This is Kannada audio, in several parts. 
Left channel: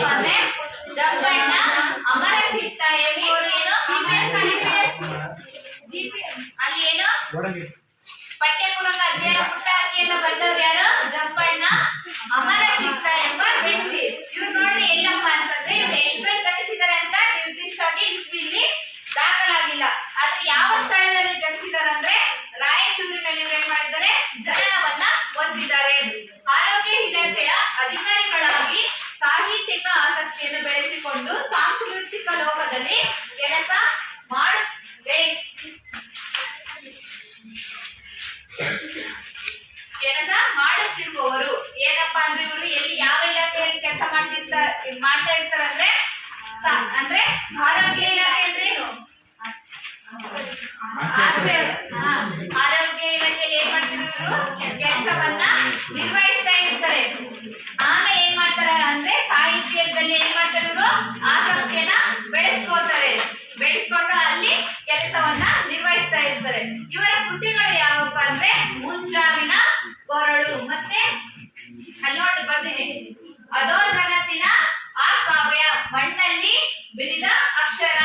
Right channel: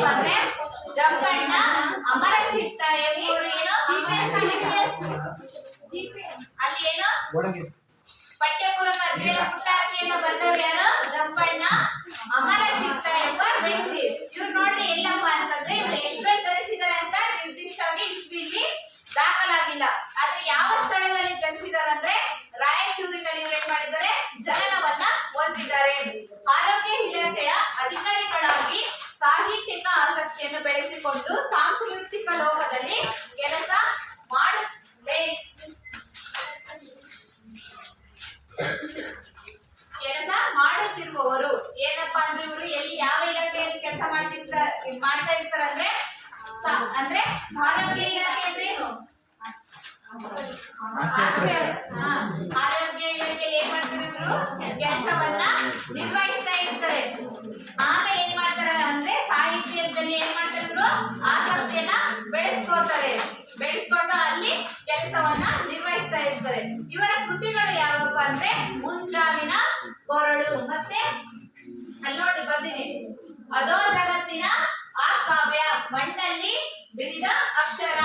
ಏನಪ್ಪ ಅಂದ್ರೆ ಜಂಪಣ್ಣ ಅಮರ ಚಿತ್ತ ಏನು ಅಲ್ಲಿ ಏನು ಪಠ್ಯಪೂರ್ವಕ ಅಧ್ಯಯನ ಪುಟ್ಟಾಕಿಯನ್ನು ಬರೆದವ್ರು ಯಾರು? ಜಂಪಣ್ಣ ಅಮರ ಚಿತ್ತ ಎಂಬ ವ್ಯಕ್ತಿ. ಇವ್ರು ನೋಡ್ರಿ ಎಲ್ಲಪ್ಪ ಅಂತಂದ್ರೆ ಇವ್ರು ಎಷ್ಟು ಜನಿಸಿದ್ದಾರೆ ಅಂತ ನಿರ್ದಿಷ್ಟವಾಗಿ ಇಸ್ವಿಲಿ ದಾಖಲಾಗಿಲ್ಲ. ಆದ್ರೆ ಯಾವ ಸ್ಥಳದಲ್ಲಿ ಜನಿಸಿದ್ದಾರೆ ಅಂದ್ರೆ ರಾಯಚೂರಿನಲ್ಲಿ ಇವ್ರು ಏನ್ ಮಾಡಿದ್ದಾರೆ? ಜನನವನ್ನ ಹೊಂದಿದ್ದಾರೆ. ಅಕ್ಷರ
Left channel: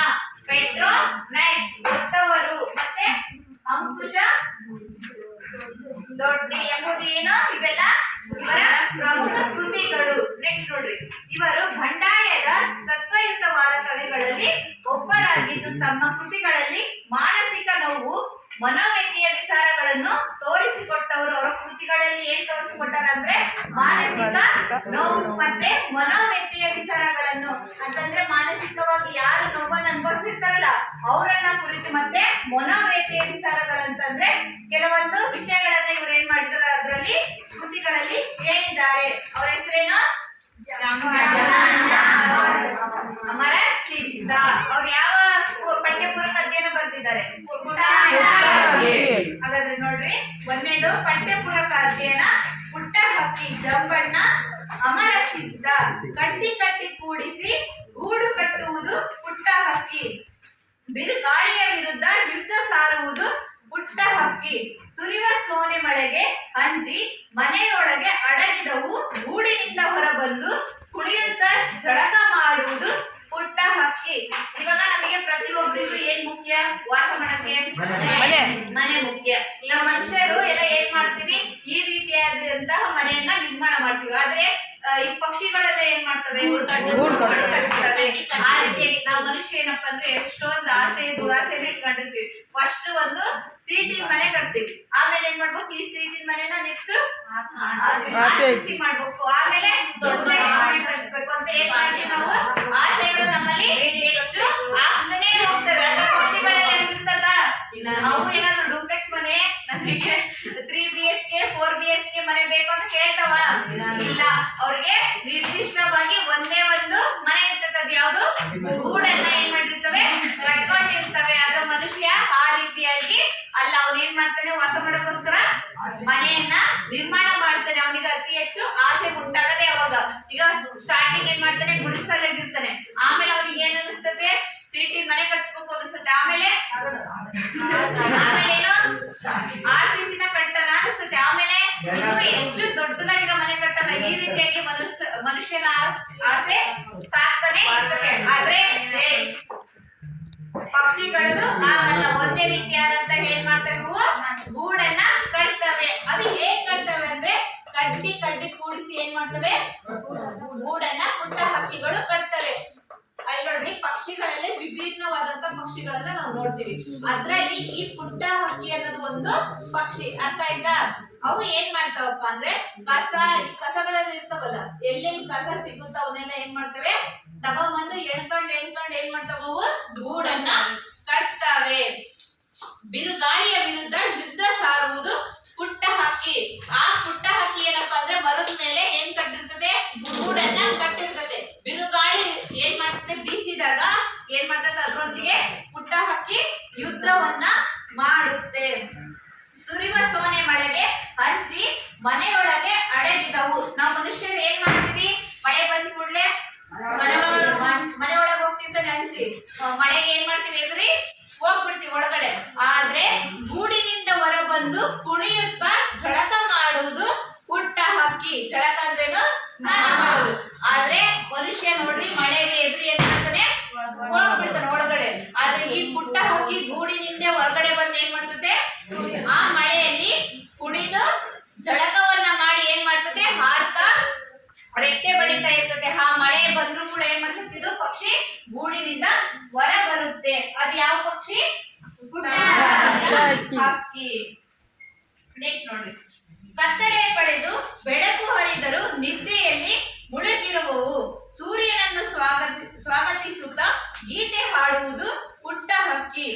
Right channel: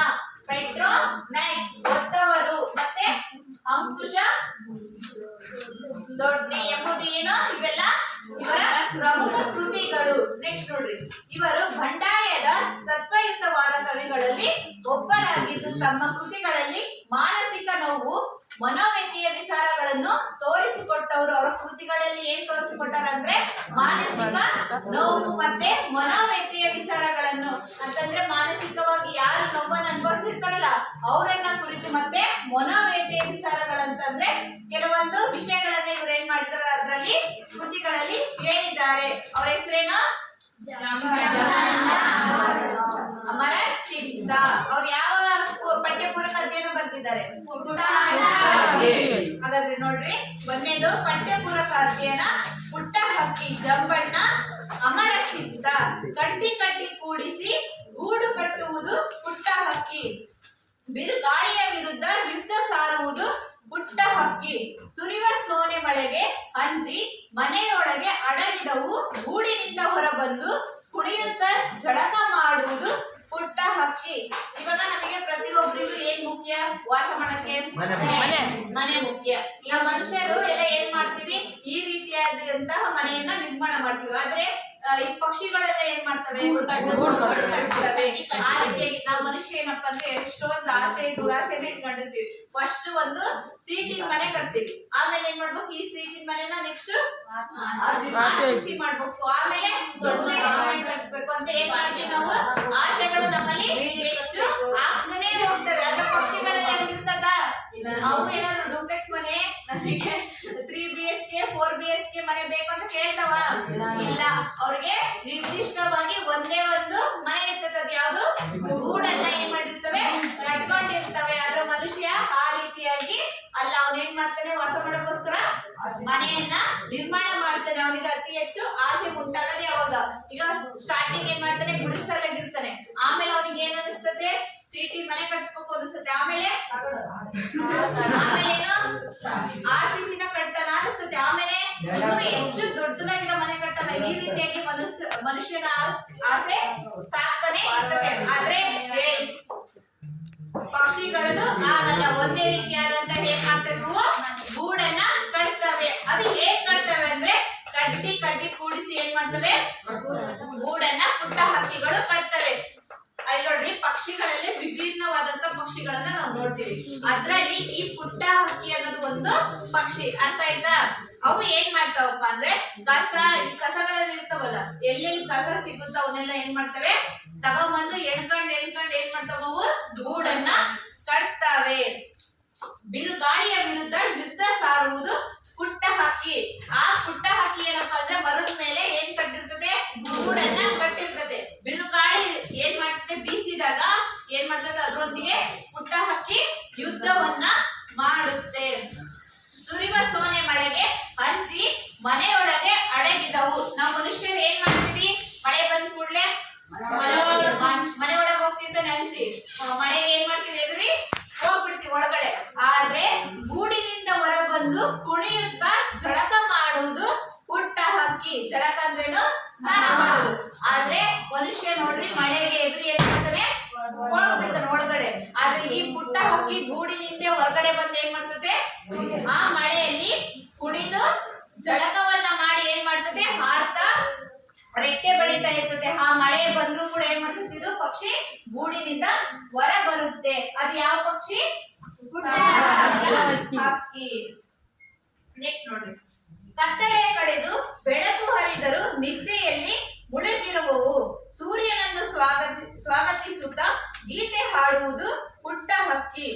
ಮತ್ತೆ ಮನೋವ್ಯಥೆಯ ವಿಚಾರಗಳನ್ನು ಅಂತಂದ್ರೆ ಮಾನಸಿಕವಾಗಿ ಯಾರು ನೋವನ್ನು ಅನುಭವಿಸಿರ್ತಾರಲ್ಲ ಅವರನ್ನ ಕುರಿತು ಮತ್ತೆ ಮನೋವ್ಯಥೆಯ ವಿಚಾರಗಳಂತಂದ್ರೆ ಕೆಲವೊಂದು ವಿಷಯಗಳನ್ನ ಇವ್ರು ಏನ್ ಮಾಡಿದಾರೆ ಅದರಲ್ಲಿ ಕೃತಿಗಳಲ್ಲಿ ಹೇಳಿದ್ದಾರೆ. ಅವರ ಹೆಸರೇನು? ಅಮರ ಚಿಂತ ಅವ್ರು ಯಾವ ಪಠ್ಯಪೂರ್ವಕ ಅಧ್ಯಯನ ಬರ್ತಿದ್ದಾರೆ ಹಾಗಾದ್ರೆ ನೋಡ್ರಿ ಒಂದನೇದು ಪಠ್ಯಪೂರ್ವಕ ಅಧ್ಯಯನ ಪುಟ್ಟ ಹಕ್ಕಿ ಅಮರ ಕಟ್ಟಿ ಕಟ್ಟಿ ಕೂಡಿಸಿ ಗೂಡು ಕಟ್ಟುವುದು ಪುಟ್ಟ ಹಕ್ಕಿ. ಬಿರುಗಾಳಿಯ ವಿರುದ್ಧ ಯುದ್ಧ ಸಾರುವುದು ಪುಟ್ಟ ಹಕ್ಕಿ. ಸುರಿವ ಸೋನೆ ಮಳೆಗೆ ಅಂಜಿ ಮನೆಯೊಳಗೆ ಅಡಗಿದವು. ಗೂಡಿನಿಂದ ಹೊರಬಂದು ಕುಣಿಯುತ್ತಾ ಜಳಕ ಮಾಡುವುದು ಪುಟ್ಟ ಹಕ್ಕಿ. ಇವಾಗ ನಮಗೆ ಪ್ರತಿಯೊಬ್ಬರಿಗೂ ಏನ್ ಮುಖ್ಯ? ವಾಸ ಮಾಡಕ್ಕೆ ಮನೆ. ಮುಖ್ಯ. ಈಗ ಮನುಷ್ಯರು ಎಲ್ಲ ಏನ್ ಮಾಡ್ತೀವಿ? ಈ ರೀತಿಯಾದಂತಹ ಮನೆಯನ್ನ ನಿರ್ಮಾಣ ಮಾಡ್ತೀವಿ. ಆದ್ರೆ ಈ ಪಕ್ಷಿಗಳೆಲ್ಲ ಏನ್ ಮಾಡ್ತವೆ? ಹುಡುಕಾಡ್ತವೆ ಆ ರೀತಿಯಾಗಿ ನಾವು ಮನುಷ್ಯ ಏನಪ್ಪಾ ಅಂದ್ರೆ ಎಷ್ಟೊಂದು ಆಸೆ ದುರಾಸೆನ ಇಟ್ಕೊಂಡಿರ್ತೀವಿ. ಫಸ್ಟ್ ಒಂದು ಸೀಟಿನ ಮನೆ ಕಟ್ತೀವಿ. ಆಮೇಲೆ ಏನ್ ಮಾಡ್ಬೇಕು? ಈ ಸೀಟಿನ ಮನೆನ ನೆಕ್ಸ್ಟ್ ಮಾಡ್ಬೇಕು. ಆಮೇಲೆ ದೊಡ್ಡ ಮನೆ ಅಂತ ಏನ್ ಮಾಡ್ತೀವಿ ನಾವು? ಆಸೆಗಳು ನಮ್ಮಲ್ಲಿ ಹೆಚ್ಚು ಆಗ್ತಾನೆ ಹೋಗ್ತವೆ ಅದ್ರ ಪಕ್ಷಿಗಳೆಲ್ಲ ಇರ್ತದ ಅವು ಏನಾದ್ರು ಡೂಪ್ಲೆಕ್ಸ್ ಮನೆ ನಮಗೆ three B H K four B H K ಮನೆ ಬೇಕು ಅಂತ ಕೇಳ್ತಾವ ಇಲ್ಲ ಅವ್ರಿಗೆ ನಿರ್ದಿಷ್ಟವಾಗಿ ಒಂದೇ ಒಂದು ಮನೆ ಇರ್ತದೆ ಅದು ಯಾವುದು ಗೂಡನ್ನ ಏನ್ ಮಾಡಿರ್ತವೆ ಕಟ್ಕೊಂಡಿರ್ತವೆ ಅದ್ರ ಮನುಷ್ಯ ಆ ರೀತಿಯಾಗಿ ಅಲ್ಲ ಅವ್ನ ಏನ್ ಮಾಡ್ತಾನೆ ವಾಸ ಮಾಡೋಕ್ಕೋಸ್ಕರ ಮನೆಯನ್ನ ನಿರ್ಮಾಣ ಮಾಡ್ತಾನೆ. ಅವನಿಗೆ ಅತಿ ಹೆಚ್ಚು ಆಸೆ ಉಂಟಾಗದೆ ಅವಾಗ. ಈಗ ಸ್ಟಾರ್ಟಿಂಗ್ ಏನ್ ಮಾಡ್ತಾನೆ? ಗುಡಿಸಲಾಗಿರ್ತಾನೆ ಆಮೇಲೆ ಅವನಿಗೆ ಏನ್ ಅನಿಸ್ತತೆ ಸಿಟಿ ಮನೆ ಕಟ್ಸ್ಬೇಕು ಅನಿಸ್ತದೆ. ಆಮೇಲೆ? ಆಮೇಲೆ ಏನು? ಆರ್ ಸಿ ಸಿನ ಕಟ್ಟಣ ಅನಿಸ್ತತೆ ಆಮೇಲೆ ಇನ್ನೂ ಹೆಚ್ಚು ದೊಡ್ಡದಾಗಿರೋ ಮನೆ ಕಟ್ಟಣ ಈ ರೀತಿಯಾಗಿ ಮನುಷ್ಯ ಮನುಷ್ಯನ ಆಸೆ ಸಾಕ್ತಾನೆ ಇರ್ತದೆ ಆದ್ರೆ ಪಕ್ಷಿಗಳದು ಆಗಲ್ಲ ಒಂದೇ ರೀತಿಯಾದಂತ ಏನ್ ಮಾಡ್ತವೆ ಇವು? ಗೂಡನ್ನ ಕಟ್ತವೆ. ಅದು ಹೇಗ್ ಕಟ್ತವೆ ಅಂದ್ರೆ ಕಡ್ಡಿ ಕಡ್ಡಿ ಕೂಡಿಸಿ ಏನ್ ಮಾಡ್ತವೆ? ಗೂಡನ್ನ ಪುಟ್ಟ ಹಕ್ಕಿಗಳು ಕಟ್ತವೆ. ಅಲ್ಲಿ ನೋಡ್ರಿ, ಪಕ್ಷಿಗಳಲ್ಲಿ ವಿಭಿನ್ನವಾದಂತ ಪಕ್ಷಿಗಳನ್ನ ನಾವು ನೋಡ್ತೀವಿ. ಅದ್ರಲ್ಲಿ ಈ ಪುಟ್ಟ ಹಕ್ಕಿ ಅನ್ನೋದು ಒಂದು ಪಕ್ಷಿ. ಅರ್ಥ ಆಯ್ತಾ? ಅವು ಏನ್ ಮಾಡ್ತಾವಪ್ಪ ಅಂದ್ರೆ ಕಸ, ಈ ಕಸಗಳಲ್ಲಿ ಇರ್ತಾವಲ್ಲ ಎಲ್ಲೆಲ್ಲಿ ಕಸ ಸಿಗುತ್ತೋ ಅವನ್ನೆಲ್ಲ ಏನ್ ಮಾಡ್ತವೆ? ತಗೊಂಬಂದು ಎಣ್ಕೊಂಡ್ ಎಣ್ಕೊಂಡ್ ಏನ್ ಮಾಡ್ತಾವ ಅವು? ಗೂಡನ್ನ ಕಟ್ತಾವೆ ಬಿರುಗಾಳಿಯ ವಿರುದ್ಧ ಯುದ್ಧ ಸಾರುವುದು ಪುಟ್ಟ ಹಕ್ಕಿ ಆ ಪುಟ್ಟ ಹಕ್ಕಿ ಏನಪ್ಪಾ ಅಂದ್ರೆ ಮರದ ಮೇಲೆ ಏನ್ ಕಟ್ಟಿರ್ತದೆ ಗೂಡನ್ನ ಕಟ್ಟಿರ್ತದೆ ಬಿರುಗಾಳಿ ಏನ್ ಮಾಡ್ತದೆ ಬೀಸಿದಾಗ ಏನ್ ಮಾಡ್ತದೆ ಅದರೊಂದಿಗೆ ಪುಟ್ಟ ಹಕ್ಕಿ ಯುದ್ಧವನ್ನ ಮಾಡುತ್ತೆ ಸುರಿವ ಸೋನೆ ಮಳೆಗೆ ಹಂಚಿ ಮನೆಯೊಳಗೆ ಅಡಗಿದವು ನಾವು ಮನುಷ್ಯರು ಏನ್ ಮಾಡ್ತೀವಿ ಮಳೆ ಬಂದ ಕೂಡ್ಲೆ ಮನೆ ಒಳಗೆ ಹೋಗ್ತಿರ್ತಾನೆ ಹಂಚಿ ಆ, ಮಳೆಗೆ ಏನ್ ಮಾಡ್ತೀವಿ ಎದುರಿ ಹೋಗ್ಬಿಡ್ತೀವಿ ಒಳಗಡೆ ಆದ್ರೆ ಗೂಡಿನಿಂದ ಹೊರಬಂದು ಕುಣಿಯುತ್ತಾ ಜಳಕ ಮಾಡುವುದು ಪುಟ್ಟ ಹಕ್ಕಿ ಜಳಕ ಅಂದ್ರೇನು ಸ್ನಾನ ಮಾಡೋದು ಆದ್ರೆ ಮನುಷ್ಯ ಮನುಷ್ಯ ನೋಡ್ರಿ ಮಳೆಗೆ ಎದುರು ಏನ್ ಮಾಡ್ತಾನೆ ಒಳಗ್ ಬಿಡ್ತಾನೆ ಒಳಗಡೆ ಆದ್ರೆ ಈ ಪುಟ್ಟ ಹಕ್ಕಿ ಗೂಡಿನಿಂದ ಹೊರಗಡೆ ಬಂದು ಏನ್ ಮಾಡ್ತದೆ ಆ ಮಳೆಯಲ್ಲಿ ಕುಣಿದು ಜಳಕವನ್ನ ಮಾಡಿ ಏನ್ ಮಾಡ್ತದೆ ಹಾರ್ತಾ ರೆಕ್ಕೆ ಬಡಿತಾ ಇರ್ತದೆ ಆ ಮಳೆ ಬಂದ್ರು ಕೂಡ ಏನ್ ಮಾಡ್ತದೆ ಇದು ಪಕ್ಷಿ ಹೊರ ಬರುತ್ತೆ. ಅದು ಯಾವ ಪಕ್ಷಿ? ಹಕ್ಕಿ. ನೆಕ್ಸ್ಟ್ ನೋಡ್ರಿ. ಕತ್ತಲೆ ಕಳೆದು ಬೆಳಕು ಹರಿದರೂ ನಿದ್ದೆಯಲ್ಲಿ ಮುಳುಗಿರುವವು. ಸೂರ್ಯನನ್ನು ಸ್ವಾಗತ ಸ್ವಾಗತಿಸುತ್ತಾ ಗೀತೆ ಹಾಡುವುದು ಪುಟ್ಟ ಹಕ್ಕಿ.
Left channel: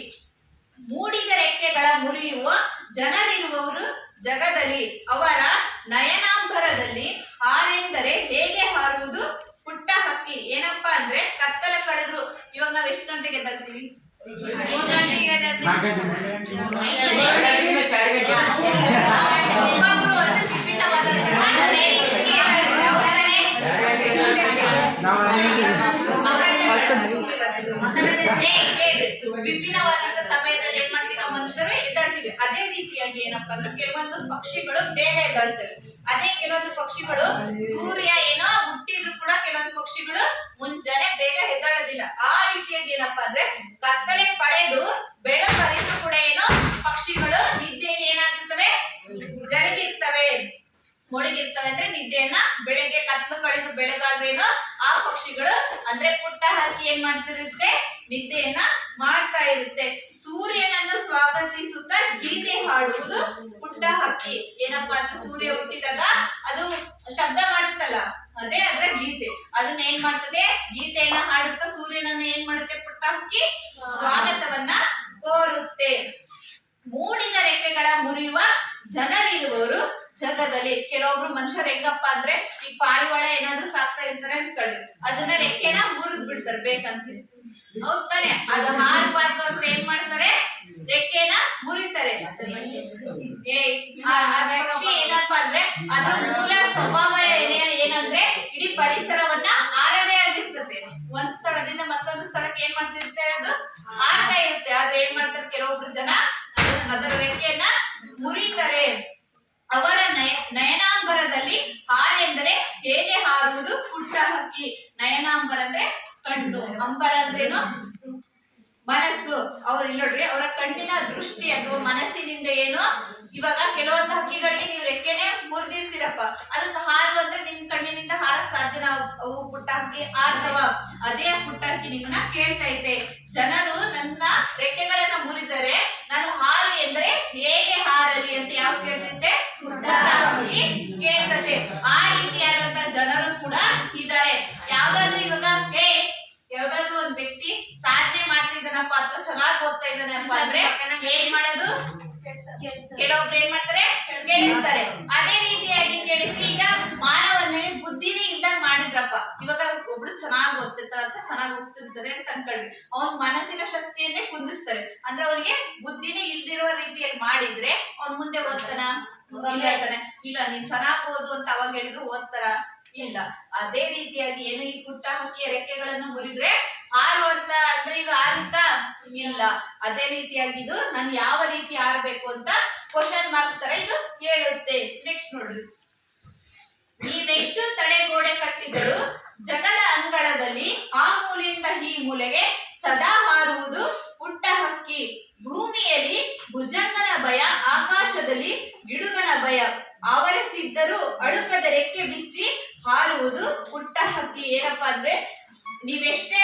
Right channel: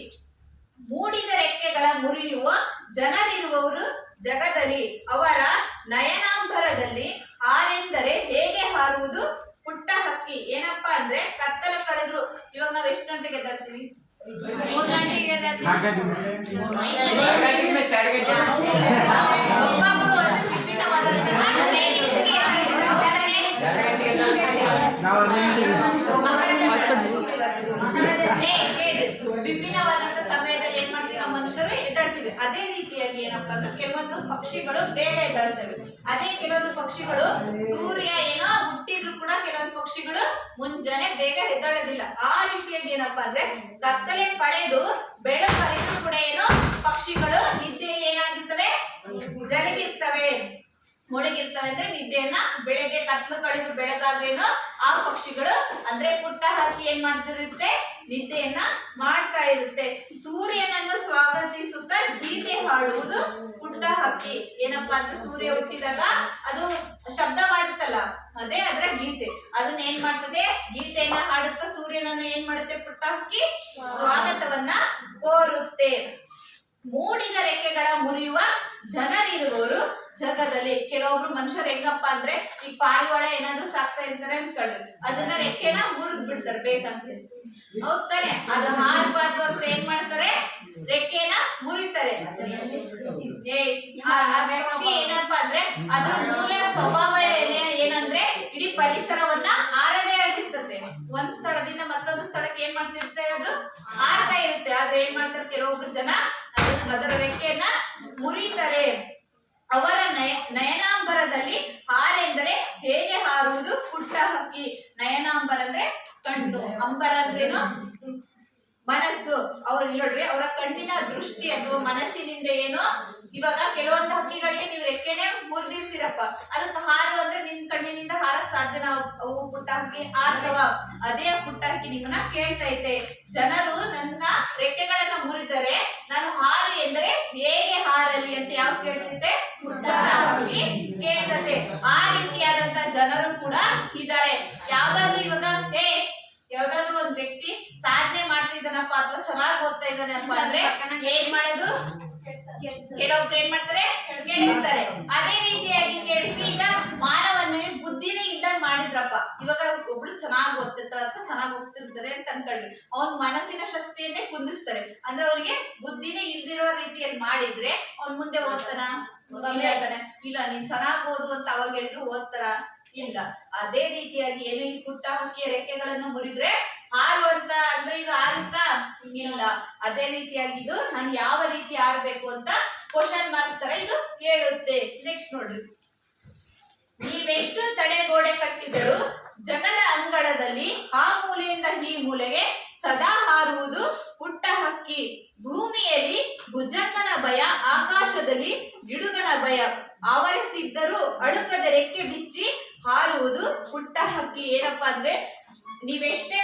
ಮೂಡಿದ ರೆಕ್ಕೆಗಳ ಮುರಿಯುವ ಜನರಿರುವವರು ಜಗದಲ್ಲಿ. ಅವರ ನಯನಾಂಬರದಲ್ಲಿ ಹಾರೆಂದರೆ ಹೇಗೆ ಹಾರುವುದು ಪುಟ್ಟ ಹಕ್ಕಿ ಏನಪ್ಪಾ ಅಂದ್ರೆ ಕತ್ತಲ ಕಳೆದ್ರು ಇವಾಗ ನಾವ್ ಎಷ್ಟು ಗಂಟೆಗೆ ಎದ್ದೇಳ್ತೀವಿ ಒಬ್ಬೊಬ್ರು ಒಂದು ವಿಭಿನ್ನವಾದಂತಹ timings ಗೆ ಏನಾಗುತ್ತೆ? ಅವ್ರ ಏ, ಕೇಳ್ರಿ. ವಿಭಿನ್ನವಾದಂತ ಸಮಯದಲ್ಲಿ ಏನ್ ಮಾಡ್ತೀವಿ ನಾವು ಮನುಷ್ಯರು ಎದ್ದಾಡ್ತೀವಿ ಅದೇ ರೀತಿಯಾಗಿ ಏನಪ್ಪಾ ಅಂದ್ರೆ ಕೆಲವೊಂದು ಪಕ್ಷಿಗಳು ಬೇಗ ಎದ್ದಾಡ್ತವೆ ಅದೇ ಕೆಲವೊಂದು ಪಕ್ಷಿಗಳು ಸೂರ್ಯ ಏನೋ ಹುಟ್ಟಿದ್ರು ಕೂಡ ಕೆಲವೊಂದು ಪಕ್ಷಿಗಳು ಮುಂಜಾನೆ ಬೇಗ ಎದ್ದಾಡೋದಿಲ್ಲ. ಆ ರೀತಿಯಾಗಿ ಏನಪ್ಪಾ ಅಂದ್ರೆ ಕತ್ತಲೆ ಬೆಳಕು ಹರಿದ್ರು ಕೂಡ ಏನೋ ಪಕ್ಷಿಗಳು ನಿದ್ದೆ ಏನಾಗಿರ್ತವೆ? ಜರುಗಿರ್ತವೆ. ಮುಳುಗಿರ್ತವೆ ಅಂದ್ರೆ ನಿದ್ದೆಯನ್ನ ಬೆಳಗ್ಗೆ ಕತ್ತಲು ಕಳೆದು ಬೆಳಗಾದ್ರೇನು ಆ ಪಕ್ಷಿಗಳು ಅಂದ್ರೆ ಪುಟ್ಟ ಹಾಕಿ ಏನ್ ಮಾಡ್ತಿರುತ್ತೆ? ನಿದ್ದೆಯನ್ನ ಮಾಡ್ತಾ ಇರುತ್ತೆ. ಸೂರ್ಯನನ್ನು ಸ್ವಾಗತಿಸುತ್ತಾ ಗೀತೆ ಹಾಡುವುದು ಪುಟ್ಟ ಹಕ್ಕಿ. ಏನಪ್ಪಾ ಅಂದ್ರೆ ಸೂರ್ಯ ಹುಟ್ಟಿದಾಗ ಅದು ಶಬ್ದ ಮಾಡುತ್ತಲ್ಲ, ಅದೇ ಅದ್ರ ಗೀತೆ. ಅದನ್ನ ಏನ್ ಮಾಡ್ತದೆ? ಗೀತೆಯನ್ನ ಹಾಡುತ್ತಾ ಸೂರ್ಯನನ್ನ ಏನ್ ಮಾಡುತ್ತೆ ಪುಟ್ಟ ಹಕ್ಕಿ? ಸ್ವಾಗತವನ್ನ ಕೋರುತ್ತೆ. ಮೂಡಿದ ರೆಕ್ಕೆಗಳ ಮುರಿಯುವ ಜನರಿರುವವರು ಜಗದಲ್ಲಿ. ಕೆಲವೊಬ್ರು ಮನುಷ್ಯರು ಹೆಂಗಪ್ಪ ಅಂದ್ರೆ ಈ ಪಾರಿವಾಳ ಏನಾದ್ರೂ ಸಾಕ್ತಾ ಇರ್ತಾರೆ ಅನ್ಕೊಳ್ಳಿ ಅದನ್ನ ರೆಕ್ಕೆನ ಮುರಿದ್ ಬಿಡ್ತಾರೆ ಬೇಕಂತ ಹೌದ್ ತಾನೆ ಅದು ಹಾರಬಾರ್ದು ಅಂತ ಏನ್ ಮಾಡ್ತಾರೆ? ರೆಕ್ಕೆನ ಮುರಿತಾರೆ. ಪಕ್ಷಿ ಏನಪ್ಪಾ ಅಂದ್ರೆ ಅದ್ರ ಮೂಲ ಸ್ವಭಾವ ಏನೇ ಏನಂದ್ರೆ ಇಡೀ ಪರಿಸರವನ್ನ ಆರದೇ ಆಗಿರ್ತದೆ. ಒಂದ್ ಸ್ಥಳದಿಂದ ಮತ್ತೊಂದು ಸ್ಥಳಕ್ಕೆ ಏನ್ ಮಾಡ್ತಿರುತ್ತೆ ಅದು? ಆರ್ತಾ ಇರುತ್ತೆ. ಆದ್ರೆ ಏನ್ ಮಾಡ್ತಾರೆ ಕೆಲವೊಬ್ರು ಜನ? ಅದರ ರೆಕ್ಕೆಯನ್ನ ಮುರಿತಾರೆ. ಅವರ ನಯ ನಯನಾಂಬರದಲ್ಲಿ ಹಾರೆಂದರೆ ಹೇಗೆ ಹಾರುವುದು? ಪುಟ್ಟ ಹಕ್ಕಿ. ನಯನಾಂಬರ ಅಂದ್ರೆ ಕಣ್ಣು ಅಂಬರ ಅಂದ್ರೇನು? ಮನಸ್ಸು. ಅವ್ರು ಇಲ್ಲಿ ನೋಡ್ರಿ ಅವರ ಕಣ್ಣಿನ ದೃಷ್ಟಿ ಅಥವಾ ಮನಸ್ಸಿನಿಂದ ಏನು? ಇವಾಗ ಕೆಲವೊಂದು ಹಕ್ಕಿಗಳಿಗೆ ನೀವು ರೆಕ್ಕೆನೆ ಮುರಿದಿರ್ತೀರಪ್ಪ. ಅದಕ್ಕೆ ಹಾರು ಅಂದ್ರೆ ನಿಮ್ ಕಣ್ಣಿನಿಂದ ಹಾರಕ್ ಸಾಧ್ಯನ ಅವು ಪುಟ್ಟ ಹಕ್ಕಿ? ಹಾರ್ತವ ಅದೇ ಪುಟ್ಟ ಹಕ್ಕಿ ನಿಮ್ಮನ್ನ ಕೇಳ್ತೈತೆ ಜನರು ನನ್ನ ರೆಕ್ಕೆಗಳನ್ನ ಮುರಿದರೆ ನಾನು ಹಾರು ಎಂದರೆ ಹೇಗೆ ಹಾರಲಿ ಅಂತ ಯಾವ ಕೇಳ್ತೈತೆ ಕೇಳ್ತದೆ. ಆ ರೀತಿಯಾದಂತ ಜನರು ಕೂಡ ಇದ್ದಾರೆ ಯಾವ್ದಾದ್ರು ಇವಾಗ ಏ ಯಾವ್ದಾದ್ರು ಒಂದ್ ವ್ಯಕ್ತಿ ಸಾಧನೆ ಮಾಡ್ತಿದ್ದಾನಪ್ಪ ಅಥವಾ ಓದ್ತಾ ಇದ್ದಾನಪ್ಪ ಅಂದ್ರೆ ಏನ್ ಮಾಡೋದು? ಕೆಲವೊಬ್ರು ಏನ್ ಮಾಡ್ತಾರೆ? ಕೇಳಿಸ್ತಾರೆ. ಅದೇ ರೀತಿಯಾಗಿ ಕೇಳಿಸಿ ಈಗ ಮಾನವನಿಗೆ ಬುದ್ಧಿನೇ ಇದ್ದಾಗ ಮಾಡಿದ್ರಪ್ಪ. ಇವಾಗ ಒಬ್ಳು ಚೆನ್ನಾಗಿ ಓದ್ತಿರ್ತಾಳೆ ಅಥವಾ ಚೆನ್ನಾಗಿ ಹೋಗ್ತಿರ್ತಾರೆ ಅಂತ ಅನ್ಕೊಳ್ರಿ. ಅವ್ನ ಮನಸ್ಸಿನ ಶಕ್ತಿಯನ್ನೇ ಕುಂದಿಸ್ತಾರೆ. ಅಂದ್ರೆ ಅವ್ರಿಗೆ ಬುದ್ಧಿನೇ ಇಲ್ದಿರೋ ರೀತಿಯಲ್ಲಿ ಮಾಡಿದ್ರೆ ಅವ್ನ್ ಮುಂದೆ ಓದ್ತಾನ? ಇಲ್ಲ ತಾನೆ. ಇಲ್ಲ ನೀನ್ ಚೆನ್ನಾಗಿ ಓದು ಅಂತ ಅವಾಗ ಹೇಳಿದ್ರು ಓದ್ತಾರ? ಇಲ್ಲ. ಅದೇ ರೀತಿಯಾಗಿ ಏನು ಈ ಪುಟ್ಟ ಹಕ್ಕಿಯ ರೆಕ್ಕೆಗಳನ್ನು ಮುರಿದ್ರೆ ಹಾರು ಅಂತ ಅಂದ್ರೆ ಇದು ಆಗುತ್ತಾ ಇಲ್ಲ. ಅದೇ ರೀತಿಯಾಗಿ ಇದು ನಾನು ಯಾವ ರೀತಿ ಆರ್ಬೇಕು ಅಂತ ಕ್ವಶನ್ ಮಾರ್ಕ್ ತರ ಇದು ಹೇಳುತ್ತೆ. ನೆಕ್ಸ್ಟ್ ನೋಡ್ರಿ. ನೀವೆಷ್ಟು ತಡೆಗೋಡೆ ಕಟ್ಟಿದರೂ ಜಗದ ಅಂಗಳದಲ್ಲಿ ಆ ಮೂಲೆಯಿಂದ ಈ ಮೂಲೆಗೆ ಸದಾ ಹಾರುವುದು ಪುಟ್ಟ ಹಕ್ಕಿ. ಭೂಮಿಯಲ್ಲಿ ಭುಜಂಗನ ಭಯ, ಆಕಾಶದಲ್ಲಿ ಗಿಡುಗನ ಭಯ. ಆವರಿಸಿದ್ದರೂ ಅಳುಕದ ರೆಕ್ಕೆ ಬಿಚ್ಚಿ ಹಾರುವುದು ಪುಟ್ಟ ಹಕ್ಕಿ. ಏನಪ್ಪಾ ಅಂದ್ರೆ ನೀವೆಷ್ಟೇ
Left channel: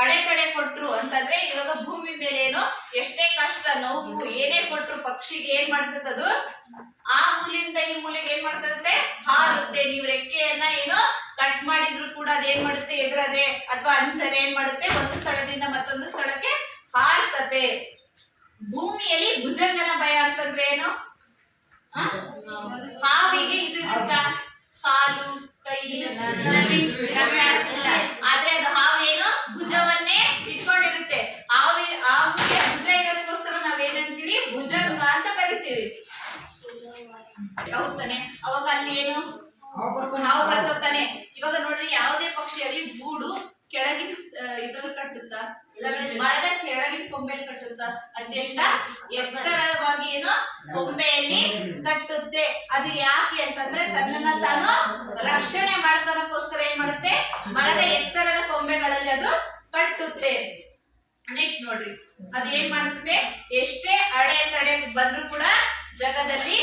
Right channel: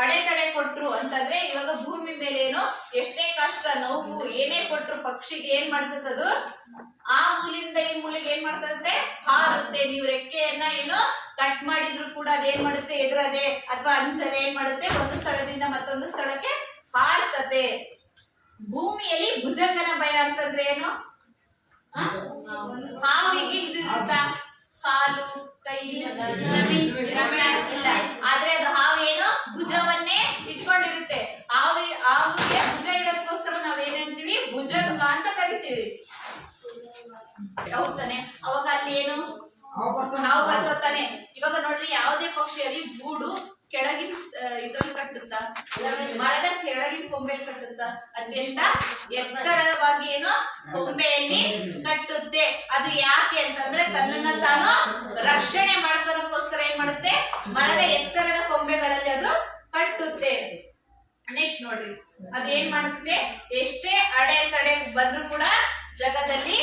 ಅಡೆತಡೆ ಕೊಟ್ರು ಅಂತಂದ್ರೆ ಇವಾಗ ಭೂಮಿ ಮೇಲೆ ಏನು ಎಷ್ಟೇ ಕಷ್ಟ, ನೋವು, ಏನೇ ಕೊಟ್ರು ಪಕ್ಷಿಗೆ ಏನ್ ಅದು ಆ ಮೂಲಿಂದ ಈ ಮೂಲಿಗೆ ಏನ್ ಮಾಡ್ತದಂತೆ? ಹಾರುತ್ತೆ. ನೀವು ರೆಕ್ಕೆಯನ್ನ ಏನು ಕಟ್ ಮಾಡಿದ್ರು ಕೂಡ ಅದೇನ್ ಮಾಡುತ್ತೆ? ಎದುರದೆ ಅಥವಾ ಅಂಚದೆ ಏನ್ ಮಾಡುತ್ತೆ? ಒಂದು ಸ್ಥಳದಿಂದ ಮತ್ತೊಂದು ಸ್ಥಳಕ್ಕೆ ಹಾರ್ತದೆ. ಭೂಮಿಯಲ್ಲಿ ಭುಜಂಗನ ಭಯ ಅಂತಂದ್ರೆ ಏನು? ಹಾವಿಗೆ ಇದು ಇರುತ್ತಾ? ಕಾಲು ಆದ್ರೆ ಅದು ಹಾವೇನು ಭುಜವನ್ನೇ ಇಟ್ಕೊಂಡಿರುತ್ತೆ. ಹಾವಿ ಹಾವಿಗೆ ಭುಜ ಇರೋದಕ್ಕೋಸ್ಕರ ನಾವೇನ್ ಹೇಳ್ತೀವಿ? ಭುಜಂಗ ಅಂತ ಕರಿತೀವಿ. ಹೌದಾನೆ ಅವಾಗ ಅಲ್ಲಿ ಏನು? ಹಾವು ಬರ್ತಾನೆ. ಇವಾಗ ನೋಡ್ರಿ ಯಾವುದೇ ಪಕ್ಷಿಯಲ್ಲಿ ಗೂಡು ಕೆಳಗಿನ ಇದ್ರಲ್ಲಿ ಕಟ್ಟುತ್ತಾ? ಮರದ ಕೆಳಗಿನ ಕೊಂಬೆಯಲ್ಲಿ ಕಟ್ಟುತ್ತಾ? ಅದೆಲ್ಲ ಎತ್ತರವಾಗಿ ಏನೋ? ಕೊಂಬೆಯಲ್ಲಿ ಕಟ್ಟುತ್ತೆ. ಅದು ಯಾಕೆ ಅಂತಂದ್ರೆ ತನ್ನನ್ನ ತಾನು ರಕ್ಷಣೆ ಮಾಡ್ಕೊಳಕ್ಕೋಸ್ಕರ ಏನ್ ಮಾಡುತ್ತೆ? ಮರದ ಎತ್ತರದ ಕೊಂಬೆಗಳಲ್ಲಿ ಅದು ಕಟ್ಟುತ್ತೆ. ನೆಕ್ಸ್ಟ್ ನೋಡ್ರಿ. ಅದು ಏನ್ ಮಾಡುತ್ತೆ? ಎಷ್ಟೇ ಅಡೆ ತಡೆ ಬಂದ್ರು ಕೂಡ ಜಗದಲ್ಲಿ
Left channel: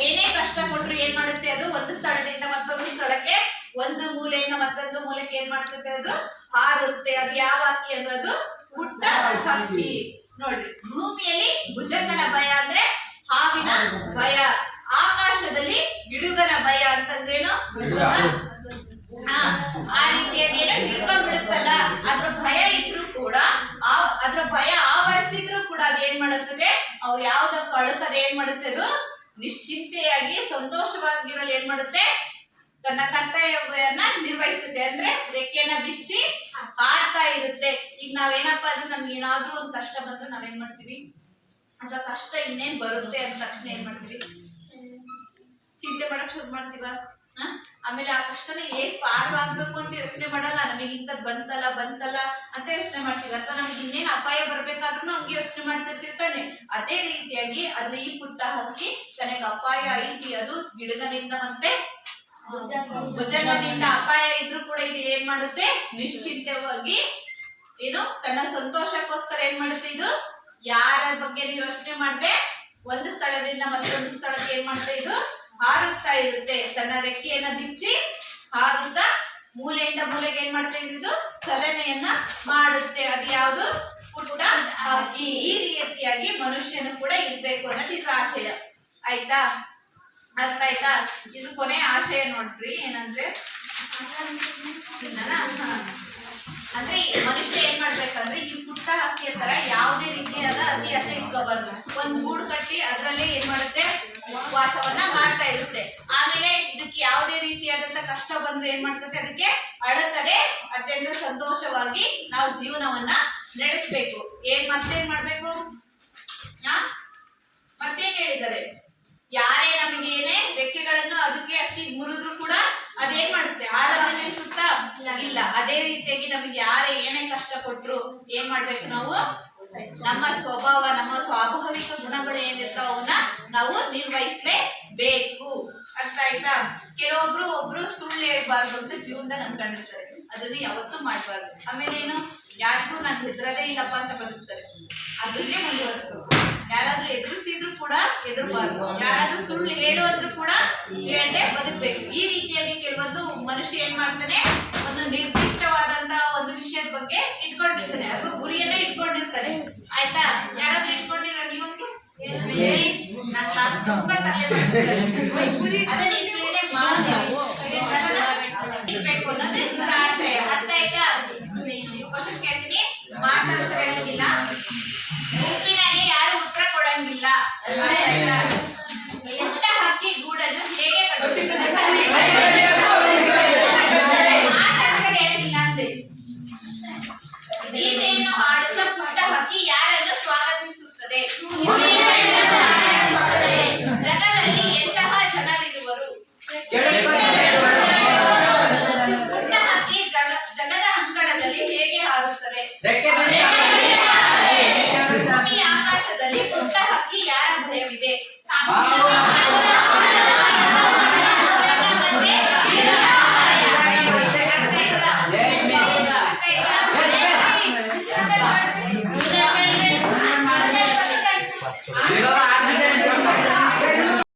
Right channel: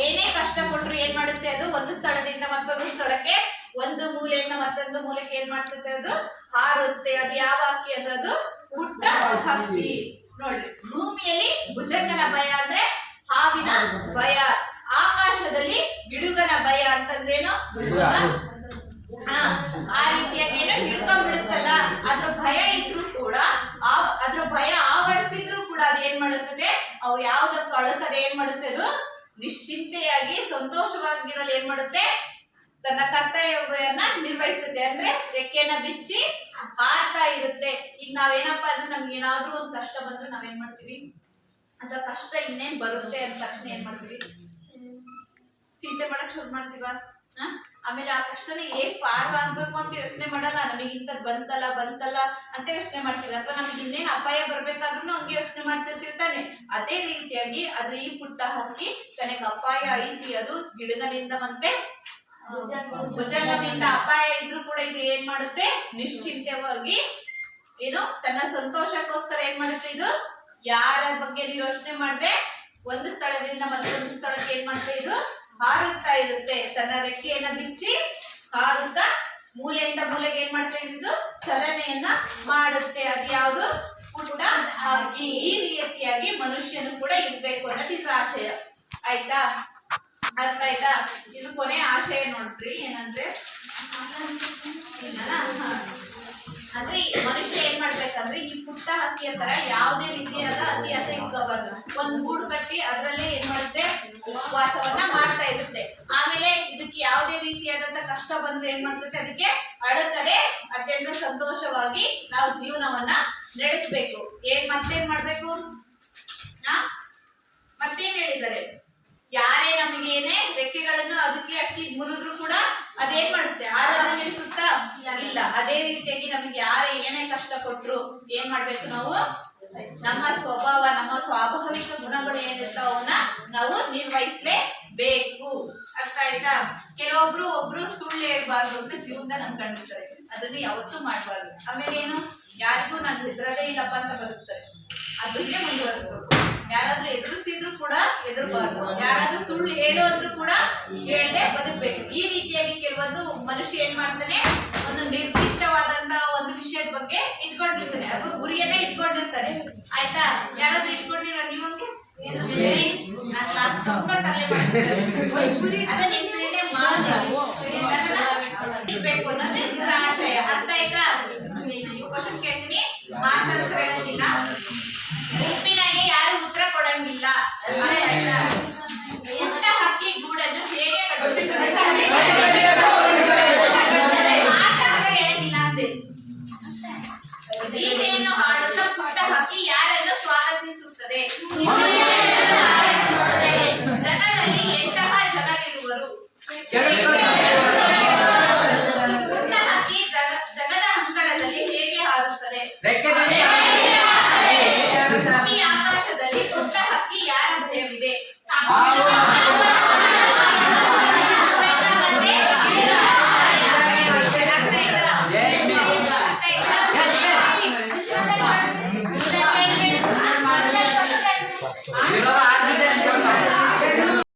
ಏನೇ ಕಷ್ಟ ಕೊಟ್ರು ಏನ್ ಮಾಡುತ್ತೆ ಅದು? ಒಂದು ಸ್ಥಳದಿಂದ ಮತ್ತೊಂದು ಸ್ಥಳಕ್ಕೆ, ಒಂದು ಮೂಲೆಯಿಂದ ಮತ್ತೊಂದು ಮೂಲೆಗೆ ಏನ್ ಮಾಡ್ತದೆ ಅದು? ಹಾರುತ್ತೆ. ಅದು ಯಾವ ಹಕ್ಕಿ ಅಂದ್ರೆ ಅದು? ಪುಟ್ಟ ಹಕ್ಕಿ. ನೋಡ್ರಿ. ಭೂಮಿಯಲ್ಲಿ ಭುಜಂಗನ ಭಯ ಅಂದ್ರೆ ಹಾವಿನ ಭಯ. ಆಕಾಶದಲ್ಲಿ ಗಿಡುಗನ ಭಯ ಅಂತಂದ್ರೇನು ಹಾ, ಆ ರೀತಿಯಾಗಿ ಏನೋ ಹಿಡ್ಕೊಂಡ್ಬಿಡುತ್ತಲ್ಲ ಅದ್ರ ಭಯ ಇದ್ರೂ ಕೂಡ ಆ ಅದ್ರ ಭಯ ಆವರಿಸಿದ್ರು ಕೂಡ ಅದು ಏನ್ ಮಾಡುತ್ತದೆ? ಅವು ಯಾವ್ದಕ್ಕೂ ಕಳುಕದ ಏನ್ ಮಾಡುತ್ತೆ ಅದು? ನಿಶ್ಚಿಂತೆಯಾಗಿ ಸಂತೋಷವಾಗಿರಲು ಏನ್ ಮಾಡುತ್ತೆ? ತನ್ನ ಕರ್ತವ್ಯವನ್ನ ನಿರ್ವಹಿಸುತ್ತೆ. ಅಂದ್ರೆ ರೆಕ್ಕೆಯನ್ನ ಬಿಚ್ಚಿ ಹಾರ್ತಾ ಇರುತ್ತೆ. ಈಗ ನಾವೇನಪ್ಪ ಅಂದ್ರೆ ನಮ್ಗೆ ಏನಾದ್ರೂ ಒಂದು ಕಷ್ಟ ಬಂದ್ರೆ ನಾವೇನ್ ಮಾಡ್ತೀವಿ? ಅಂತ ಕಷ್ಟ ಇನ್ನೇನ್ ಬರುತ್ತೆ ಅಂದ ತಕ್ಷಣ ಏನ್ ಮಾಡ್ತೀವಿ? ಚಿಂತೆ ಮಾಡಕ್ ಶುರು ಮಾಡ್ತೀವ? ಆಮೇಲೆ ಆ ಕಷ್ಟನ ಏನ್ ಪಾರವಾಗ್ಬೇಕು ಅಂತ ಯೋಚನೆ ಮಾಡಲ್ಲ. ನಮಗೆ ಇಂಥದ್ ಬಂತಲ್ಲ ಬಂತಲ್ಲ ಅಂತ ಯೋಚನೆ ಮಾಡ್ತೀವಿ. ಅಥವಾ ನಮಗೆ ಇನ್ನೇನ್ ಅಪಾಯ ಬರ್ಬೇಕಾದ್ರೂ ಹಂಗೆ ಯೋಚನೆ ಮಾಡ್ತಿರ್ತಿರ್ತಾನೆ ಅದೇ ರೀತಿಯಾಗಿ ಅದ್ರ ಈ ಪುಟ್ಟ ಹಕ್ಕಿ ತನಗೆ ಅಪಾಯ ಐತಿ. ಅದು ಗಿಡಗಳಿಂದ ಮತ್ತೆ ಭುಜಂಗದಿಂದ ಅಪಾಯ ಇದ್ರೂ ಕೂಡ ಇದು ಏನ್ ಮಾಡುತ್ತೆ? ನಿಶ್ಚಿಂತವಾಗಿ ಏನು ತನ್ನ ಸಂತೋಷಕ್ಕೋಸ್ಕರ ಏನ್ ಮಾಡುತ್ತೆ ಇದು? ಯಾರ ಬಗ್ಗೆ ಯೋಚನೆ ಮಾಡದೆ, ಒಂದು ಸ್ಥಳದಿಂದ ಮತ್ತೊಂದು ಸ್ಥಳಕ್ಕೆ ಏನ್ ಮಾಡುತ್ತೆ ಇದು? ಹಾರುತ್ತಾ ಇರುತ್ತೆ ತನ್ನ ರೆಕ್ಕೆಯನ್ನ ಬಿಚ್ಚಿ ಹಾರುತ್ತಾ ಮೂಲೆಯಿಂದ ಮೂಲೆಗೆ ಏನ್ ಮಾಡ್ತಾ ಇದ್ದು ಚಲನೆಯನ್ನ ಮಾಡುತ್ತೆ. ಅದು ಯಾವುದು? ಪುಟ್ಟ ಹಕ್ಕಿ ಈ ರೀತಿಯಾಗಿ ಮನುಷ್ಯನು ಕೂಡ ಇರ್ಬೇಕು ಅನ್ನೋದು ಇದ್ರ ಆಶಯ. ಆಯ್ತಾ? ಅರ್ಥ ಆಯ್ತಾ? ಇದು ಕೊನೆ ಆಶಯ ನೋಡ್ರಿ. ಏನಂದ್ರೆ. ಅಂದ್ರೆ ಮನುಷ್ಯ ಮಾಡ್ಬೇಕಂದ್ರೆ ಈ ಪುಟ್ಟ ಹಕ್ಕಿಯ ತರ ಯಾವುದೇ ರೀತಿಯಾದ ಅಭ್ಯಾಸ ಇಟ್ಕೋಬಾರ್ದು. ಒಂದು ಗೂಡು ಕಟ್ಟಿ ಅದರಲ್ಲೇ ಏನ್ ಮಾಡುತ್ತೆ? ವಾಸವನ್ನ ಮಾಡ್ತಾ ಇರುತ್ತೆ. ಆಮೇಲೆ ಇದಕ್ಕೆ ಯಾವುದೇ ರೀತಿಯಾದಂತ ಕಷ್ಟ ಬಂದ್ರೆ ಏನ್ ಮಾಡ್ತದೆ? ಅದಕ್ಕೆ ಅಳಕದೆ ಅತ್ಯಂತ ಸಂತೋಷವಾಗಿ ನಾವು ಜೀವನವನ್ನ ನಡೆಸ್ಬೇಕು. ಏನ್ ಮತ್ತೇನ್ ಮಾಡ್ಬೇಕು? ಮತ್ತೇನ್ ಹೇಳಿದ್ದಾರೆ? ಯಾರೇ ನಮಗೇನೆ ರೆಕ್ಕೆಗಳನ್ನು ಅದಕ್ಕೆ ಅಕ್ಕಿ ಮುರಿದ್ರು ಕೂಡ ಅದೇನ್ ಮಾಡುತ್ತೆ? ಆರಾಧನೆ ಸುತ್ತ ಇಲ್ಲ. ಅದೇ ರೀತಿಯಾಗಿ ನಮಗೆ ಯಾರೇ ಏನೇ ಕಷ್ಟ ಕೊಟ್ರು ಏನ್ ಮಾಡ್ಬೇಕು ನಾವು? ನಮ್ಮ ಸ್ವಭಾವ, ನಮ್ಮ ಸ್ವಾಭಾವಿಕ ಗುಣಗಳು ಏನಿರ್ತಾವ ಅವನ್ನ ನಾವು ನಿರ್ವಹಿಸ್ಲೇಬೇಕು. ಅರ್ಥ ಆಯ್ತಾ? ಕೆಲವೊಬ್ರು ಒಬ್ರು ಸುಳ್ಳು ಹೇಳ್ಬಾರ್ದು ಅಂತ ಜೀವನದಲ್ಲಿ ಅನ್ಕೊಂಡಿರ್ತಾರೆ ಅದನ್ನ ಯಾವತ್ತೂ ಮಾಡ್ಬಾರ್ದು. ಆಮೇಲೆ ಏನು? ಯಾರಿಗೂ ನಾನು ಹೆದರದೇ ಇಲ್ಲಪ್ಪ ಅಂತ ಬದುಕ್ತಾರೆ. ಅದನ್ನೇ ಮುಂದುವರಿಸ್ಬೇಕು. ಎದುರಬಾರ್ದು ಯಾರಾದ್ರೂ ಸುಳ್ಳು ಹೇಳು ಅಂದ್ರು ಕೂಡ ಹೇಳ್ದೆ ಬದುಕ್ಬೇಕು. ಈ ರೀತಿಯಾಗಿ ಕೆಲವೊಂದು ಮನುಷ್ಯ ಏನ್ ಮಾಡ್ತಾನೆ ಒಂದು ನಿರ್ದಿಷ್ಟವಾದಂತ ಒಂದು ವಿಷಯದ ಬಗ್ಗೆ ಇಟ್ಕೊಂಡಿರ್ತಾನೆ. ಅದು ಗುರಿಯನ್ನೇ ಇಟ್ಕೊಂಡಿರ್ತಾನೆ. ಆಯ್ತಾ? ಯಾರಾದ್ರೂ ಇಟ್ಕೊಂಡಿರೋ ನೀವಂಗೆ ತುಂಬಾ ತಲೆ ಇರ್ಬೇಕು ಅನ್ನೋದು ಇದ್ರ ಆಶಯ. ಅರ್ಥ ಆಯ್ತಾ? ಕ್ವಶನ್ ಕೇಳ್ತೀನಿ. ಮಾಸ್ ಅಂತ ಹೇಳಂಗಿಲ್ಲ Amen.